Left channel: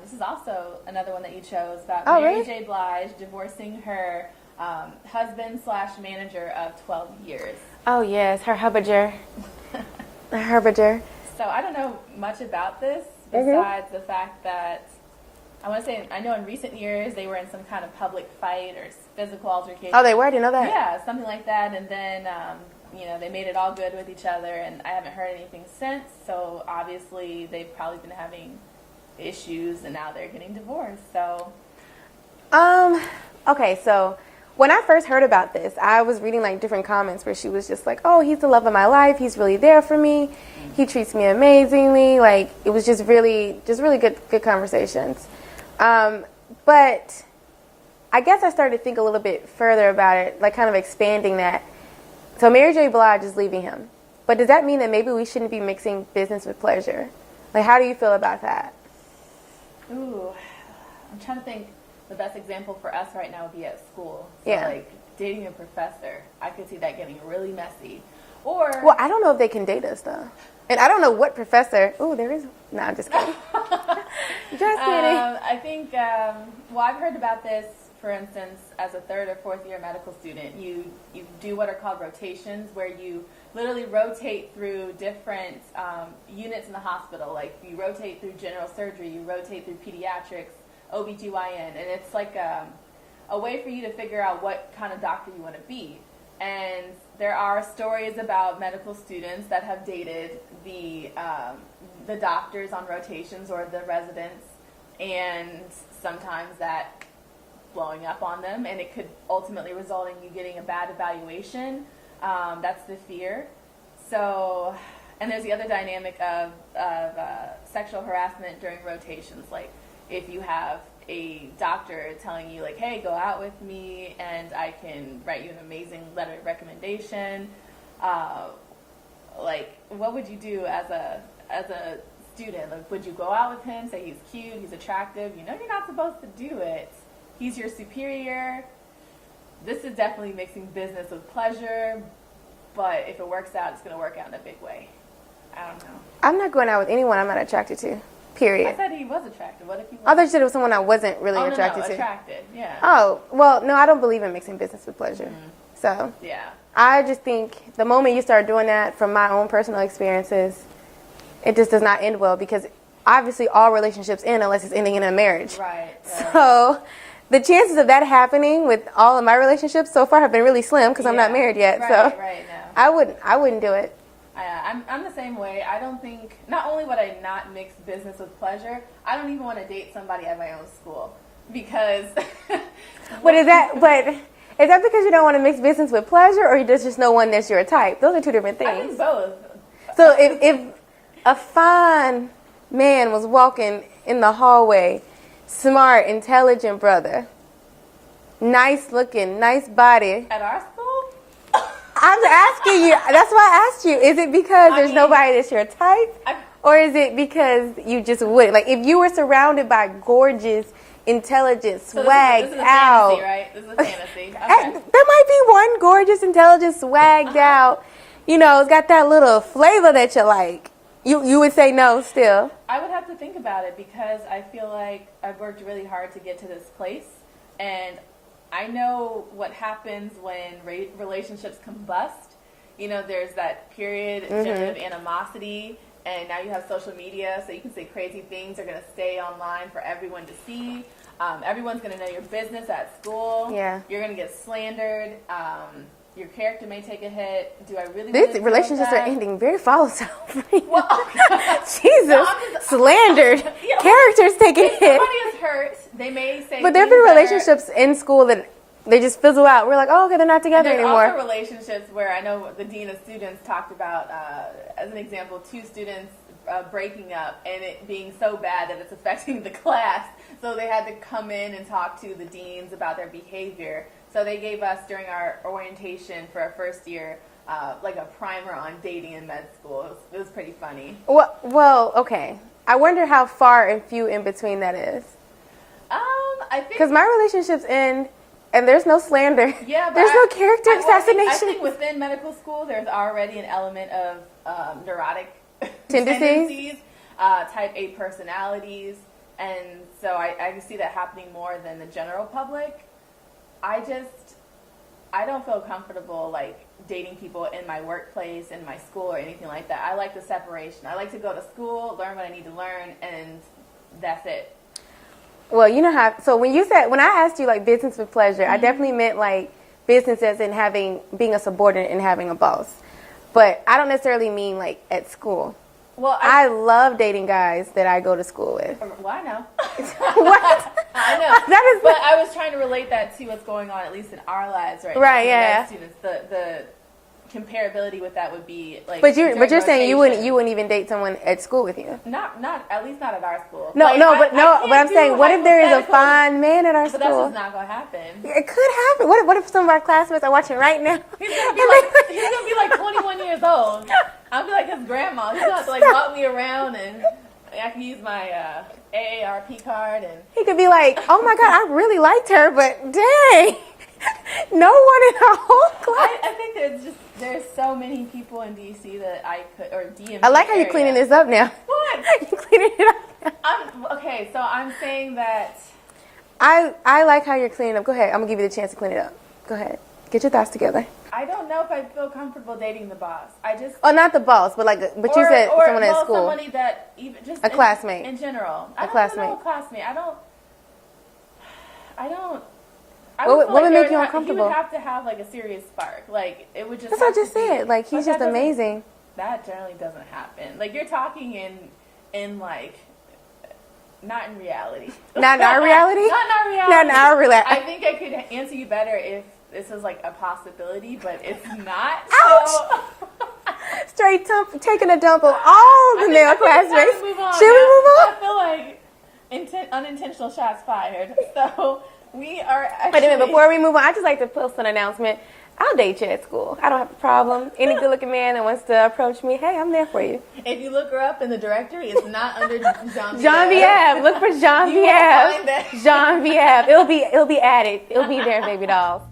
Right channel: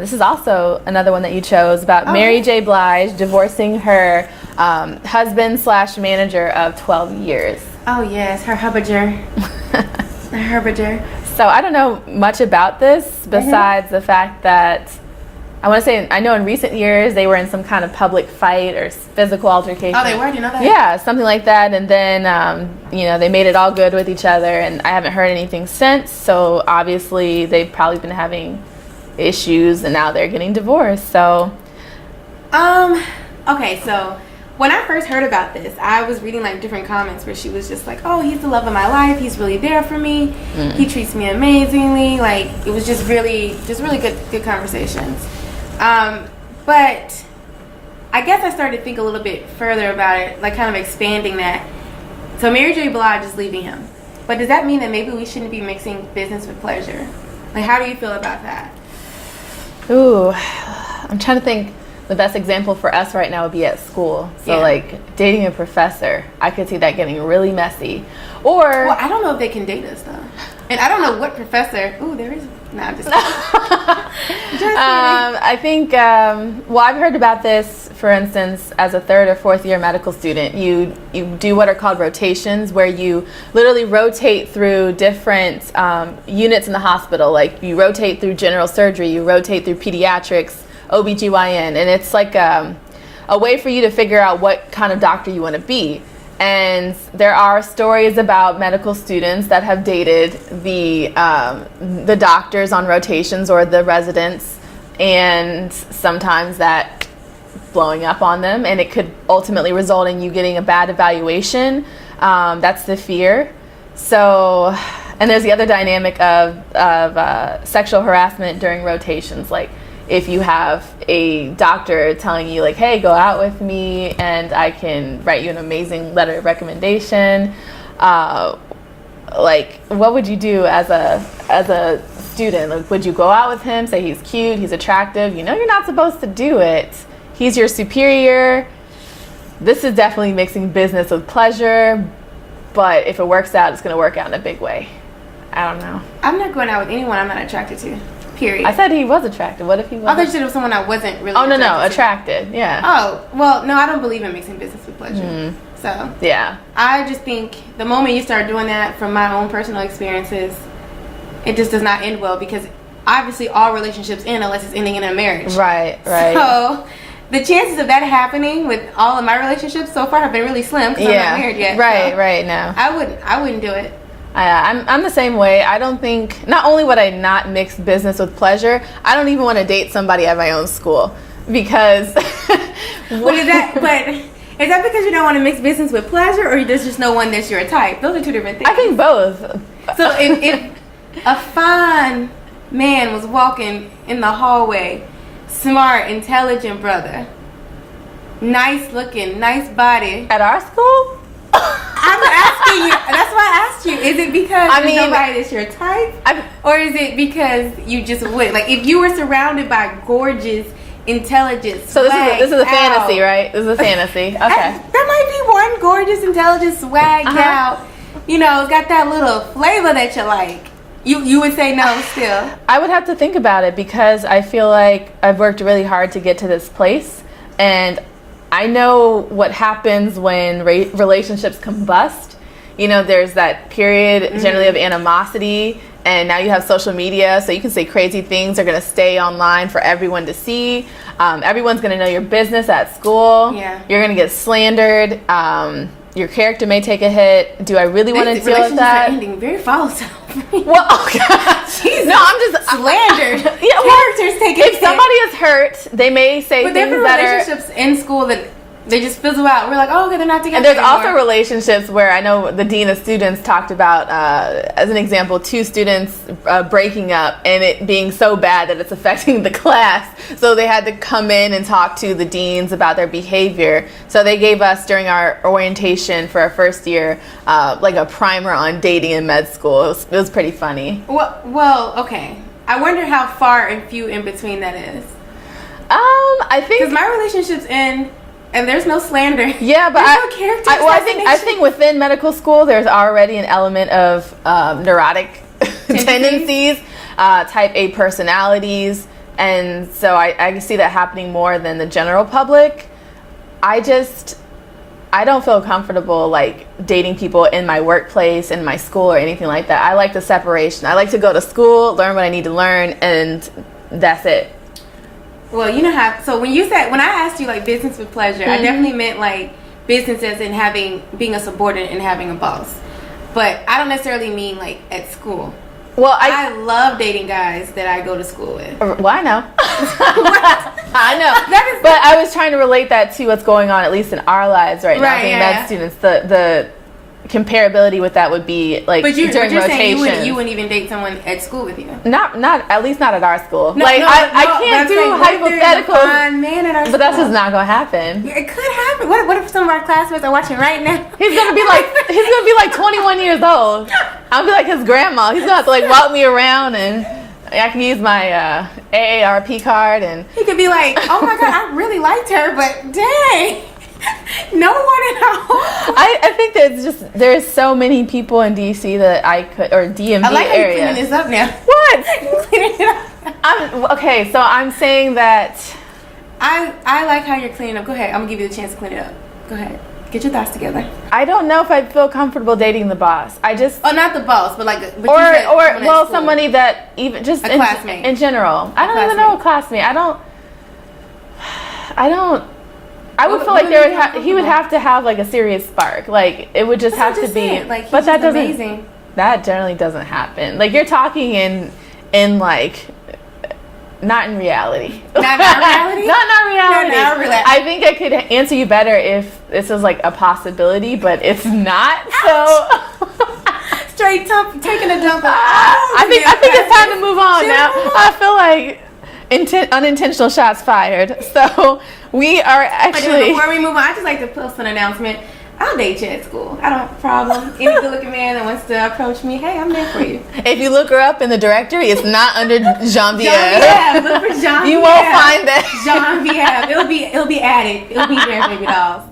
This is also another one that you chose about Mary J. Blige divorcing her husband/manager of 12 years. Oh yes, her hubbager. Her hubbager. So I don't know much about this besides the fact that I want to say I know in recent years they were in some kind of public fight or physical altercation. Oh, they were? You know that? Yeah, something like that. And then, they made it all good with each other, and I haven't heard anything since. So obviously they've probably been having issues, and now they're getting divorced. So, okay, so when I first heard about this, I was reading like different comments where she was just like, "Oh, he's the love of my life. He's really there for me. He treats me amazingly." Like it was just really good conversations. But I guess I started to think a little bit further about it, like kind of expanding that. So Mary J. Blige is leaving him, but does that mean that maybe we shouldn't be mixing business with pleasure? Like, how do you feel about that? Ooh, I'm trying to think. The best example for us right now would be at school. So like dating a professor, I could see that getting really messy. Or well, I don't know if they can date us though, and I don't know what professor. Ooh, there is. No, I'm just kidding. I think. Well, I've heard about this. For instance, as a 3rd or 4th year medical student, you do what are called rotations, where you literally rotate through different units in the hospital. Like you rotate through general surgery, you rotate through pediatrics, OBGYN, and it's like a way for you to figure out what kind of doctor you want to be. And there are stories about medical students that have dated the doctors on rotations or the residents, and sometimes that blowing up on them, and it could ultimately result in you getting a bad evaluation. That's the fear. So, and there's the other dynamic of sexual harassment during rotations, like if you have a doctor telling you like, hey, go out with me and I can write you an amazing letter of recommendation, like what would you do as a student? Like, would you go out with him, say he's cute, he's attractive? You know you're not supposed to do it. He's your superior. This is definitely mixing business with pleasure, but if it works out, it's going to work out in a big way. I don't know. I'm not going out with anyone I'm not attracted to. Period. I said he was attractive. What if he was? I thought you said it was someone I wasn't really attracted. Yeah. Oh, well, no, I don't believe in mixing business with pleasure. So, yeah. I just think the moment you start doing that, from my own personal experiences, it just does not end well, because obviously all relationships end unless it's ending in a marriage. Right. So, the chances of that happening with all of my relationships so far have been really slim because I'm not married yet. Right, no. I wouldn't do it. I'm the same way. I don't think, not only would I not mix business with pleasure, I don't even want to date somebody at my own school, because But is that because you don't want to mix business with pleasure, or there's just no one that's your type? Those are two different things. I think both. So if a fine man was walking in the hallway, smart, intelligent brother, nice looking, nice body, at our school? I'm asking you. That's why I asked you. Is it because there's nobody that's your type, or is it because you just would like if you were surrounded by gorgeous, intelligent? So this is a fantasy, right? This is a fantasy. Okay. There might be one gorgeous, intelligent, swagged out. You know, it's got that little flavor that you like. You would say no still. I would have to think about it, because I feel like I've worked really hard to get to this place, and I know what happens when relationships combust. You know, there's that period generally of animosity, and now you have social media, so you can say crazy things. They're going to stay online for everyone to see. Everyone's going to know your business at school. Yeah. You're going to get slandered. Your character may take a hit. Do I really want to deal with that? Relationships are ending very volatile. Well, oh God. Jesus. No, I'm just slandered. Characters taking If somebody is hurt, they may say but things there are that relationships in school that they just fizzle out. We're like, oh, okay, they're not together anymore. And there's anymore. also relationships where I know the dean of students talked about, as an example, 2 students breaking up and it being so bad that it's affecting the class. So they had to come in and talk to the deans about their behavior. So they gave us, during our orientation for our first year, like a primer on dating in med school. It was pretty funny. Well, okay. I wonder how far and few in between that is. I think because my relationships end. And there's no slander. Yeah, but there's no character assassination. I think within medical school, there's already an element of neurotic tendencies, type A personalities, And so I see that happening more than the general public. I don't feel comfortable like dating people in my workplace, in my school, or anything like that. I like the separation. I like to go to school, learn what I need to learn, and that's it. Well, you know how, so when I asked you like business with pleasure, I definitely meant like business as in being a subordinate and having a boss. But I don't necessarily mean like at school. Well, I love dating guys that I go to school with. Well, I know. What? I know. But I was trying to relate that to what's going on, at least in our lives right now, being med students. The comparability with that would be like but you're during saying rotations. you wouldn't even date someone at school with you. Not at least not at our school. No, like, I can't do hypotheticals. hypotheticals. Fine man at our school. But that's just not gonna happen. It could happen. What if some of our classmates are watching right now? He's gonna be like 21 years old. I'll be like his grandma. He's gonna have to like walk me around, and I can use my AARP card, and he could be like, "Oh my God, I really liked her, but dang, no one at all." I think there's so many people in DC that I could, or DMV I like how area. you're cleaning this up now. What? You're cleaning it up. Okay, so I'm saying that I like how you're cleaning up. Go ahead. I'm gonna give you the chance to clean it up. Go ahead. Get your thoughts together. I don't know if I feel comfortable dating the boss. I just not the boss, but like, but or you said well, somebody that even just a classmate in general. I don't even know a classmate. I would feel like he would have to have like a serious spark. Like it would just have to be. Like, but that doesn't. Amazing. That generally doesn't happen. Like you're talking in like. Not in reality. Not in our reality? Not in our reality. Not in our reality. I think I could answer you better if this was like a possibility, but it's not. Ouch. So straight taking a dump. I think it's time to move on now. I feel like unintentional shots fired. So we are actually. Before we move on, I just like to post an announcement. I'll date you at school. I don't have a problem. Any good-looking man that wants to approach me, hey, I'm there for you. If you look her up in the directory, it's not under Jean-Pierre. Jean-Pierre. Look for Jean-Pierre. You won't find that. Jean-Pierre. It'll be added. It'll be there, baby dolls.